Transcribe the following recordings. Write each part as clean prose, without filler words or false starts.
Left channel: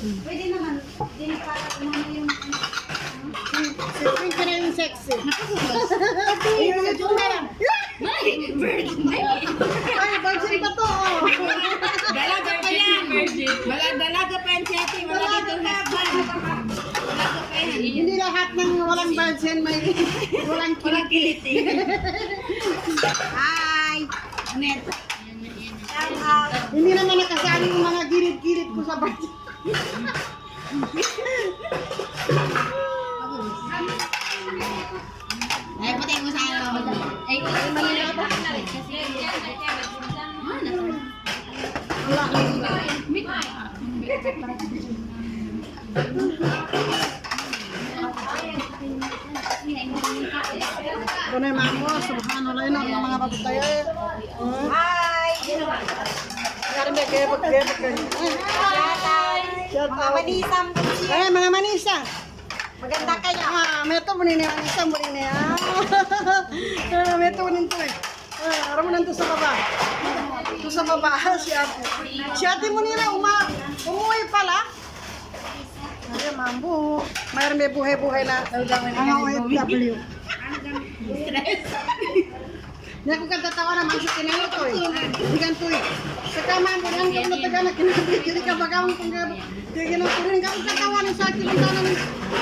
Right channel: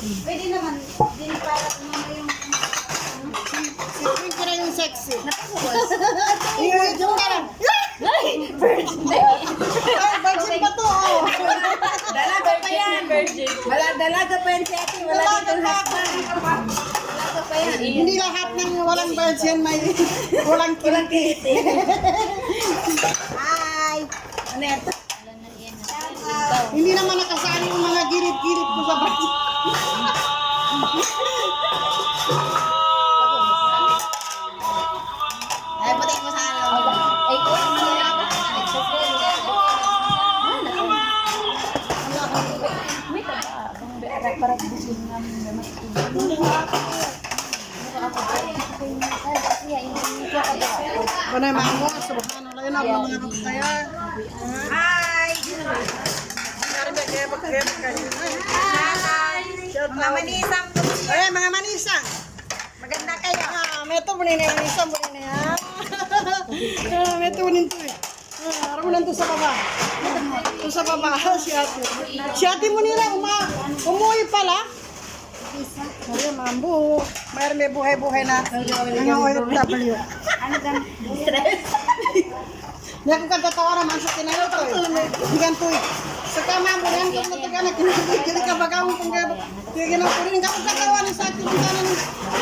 Pwede naman, din para kumama yung... Siyempre ka na yung sexy. Napasuwas. Yung ka lang. Birthday. Ay, virgin pa to. Oh. Dalaga pa yan. Dalaga pa yan si ate. Wala dito husband. Dalaga pa yan. Hindi lahat ng walang virgin may walang kiliti. Hi! Anet. Hindi naman nakasali yung mga gilid-gilid ko sa virgin. Ay, pati mo sa ano. Ay, kung ano na ako. Wala kang May taba. Para busin namin. Banay mamo, subhanallah yun ang mga kapataya. Hi! Karon ba kaya pag kayo? Hi! Mga manisam. Ay, mga manisa. Maganda kayo. May ito bunin yung manisa, bunin niya. May ito bunin to eh. Aram mo nandun sa baba. Ito sa baba, si ate. Si ate mo nila, umuwi pala. Ay, mambo. Mayroon may buhay-buhay na ang OFW. Ano gan? Stress. Hindi ako katatawa na masuk kinayo to eh. Hindi ganito eh. Saka mambo, yan ka mataga na kinayo. Kili ka baga mo pang gabo. Kaya ginawa ko rin. Hindi ako katawa ni sa akin.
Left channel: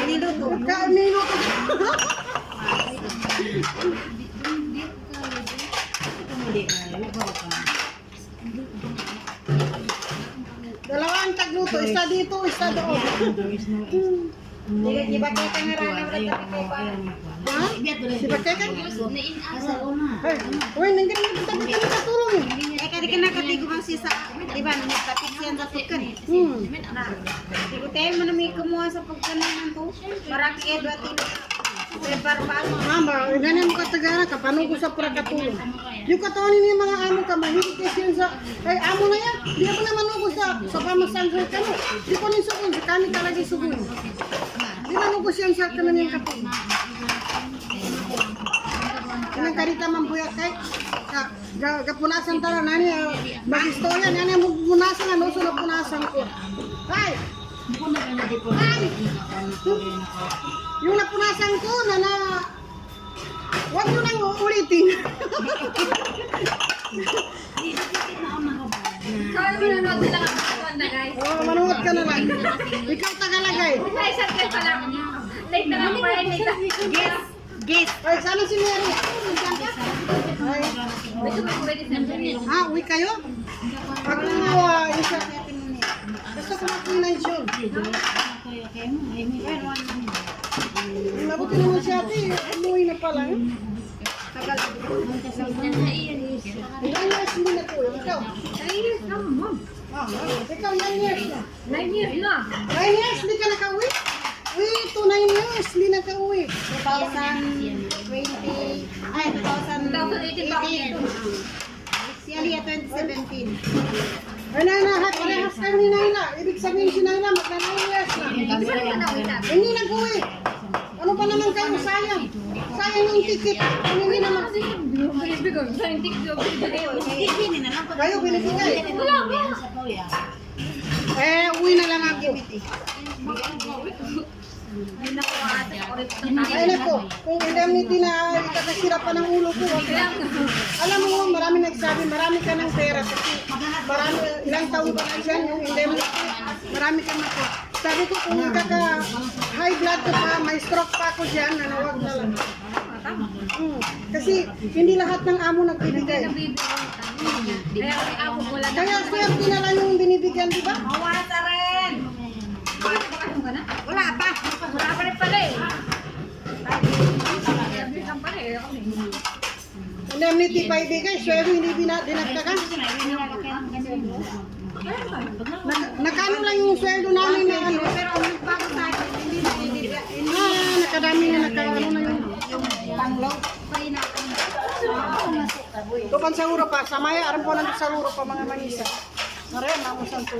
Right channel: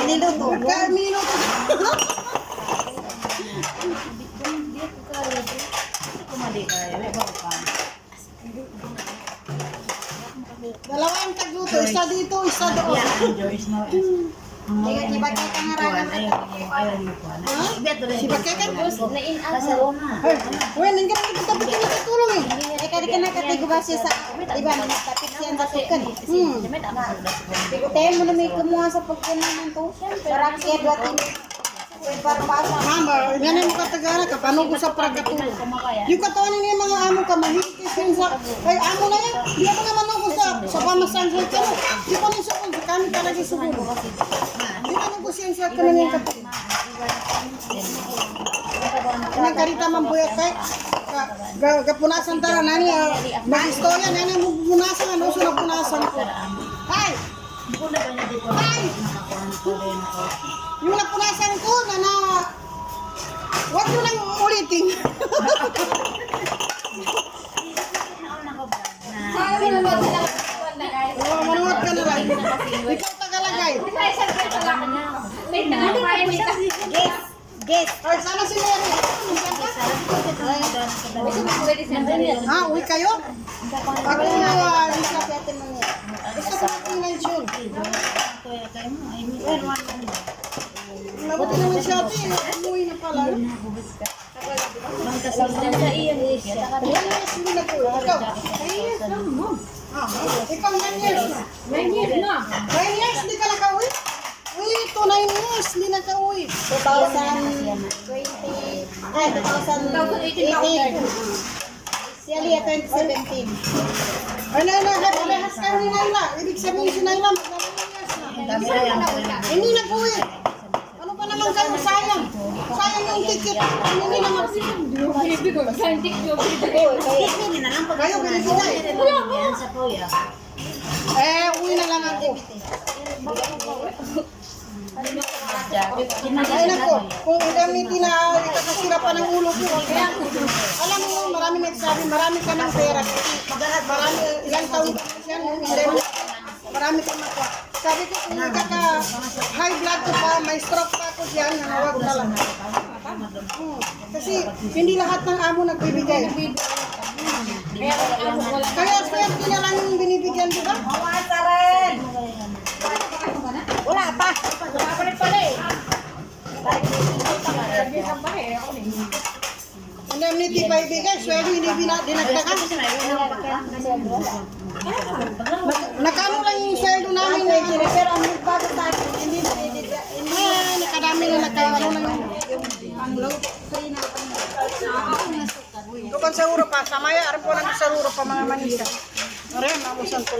Minuto. Minuto. Dalawang tagluto. Isa dito, isa doon. Iba kayo kangarangan. Ha? Si Bakekan? Na-in-asa. Uy, nandiyan ka tapos ka nakatulong eh. Eh, kadi ka nakatigo ba siya sa... Iba, nakatapit siya sa tukan. Tigutin mo na may kumuha sa pagkanaman to. Para kaya duwatin. Barbasa. Mama, ganyan mo katagana ka, paano ko sa pagkatulong? Yung katawan niya mga amo ka, mahilig kasi sa... Ay, amo na yan. Di ako naman ako sa pamasansan ka no. Di ko rin sukun, sa kami talaga sukun. Di man ako siya sa kanan yung kapatid. Kanang karita mambuyat kay gapunasan tara nani mag-istorya nani mo punasan ano so napunasan ko. Ay. Ay. Yung napunasan ko na wag mo nang ulitin. Oh, manuot ka na lang. Ikaw tagalagay. Guess. Ay, sana si Mary. Ha, uwi kayo? Ako isa. Gusto ko na pinensyon. Mabuti naman siya ate. Umuwi na pala. Ilan years hindi na po. Ikaw? 3 years na, ma'am. Ikaw 9 years na. 9 years na. 9 years hindi ka nakauwi? Uy, 9 years hindi nakauwi. 2020. Ay, 2018. Si Alia 2017. Ay, parehas kayo ni Naila. Ibig sabihin si Naila, mag 9 years na. Hindi nag-uwi. Ano pa naman kayo? Sayang. Sayang yung ticket. Hindi naman. Kayo, binibigay. Uwi na lang ako. Ay, nako. Kung indemnity na ikakasira pa ng ulo ko. Alam mo, marami nagsabi, marami ka ng pera. Marami, ilang taon ka na dyan, yung indemnity. Marami ka na pa. Sabi ko, kung high blood ko pa, may stroke pa ako dyan, nanawag na lang. Kasi hindi lahat ng amo nagbibigay. Kaya swerte na lang yung binibigyan, di ba? Mawasa rin. Wala pa. Wala pa rin pala eh. Indemnity pa ibigay, swerte hindi dinagdagan. Nakano lang yung sweldo namin na Pero ang nagbago sa akin, hindi nakadami na nakano na yung panglaw. Tukan sa Europa, samaya aram po nang sa Europa mga manisa. Maria, mamusan to.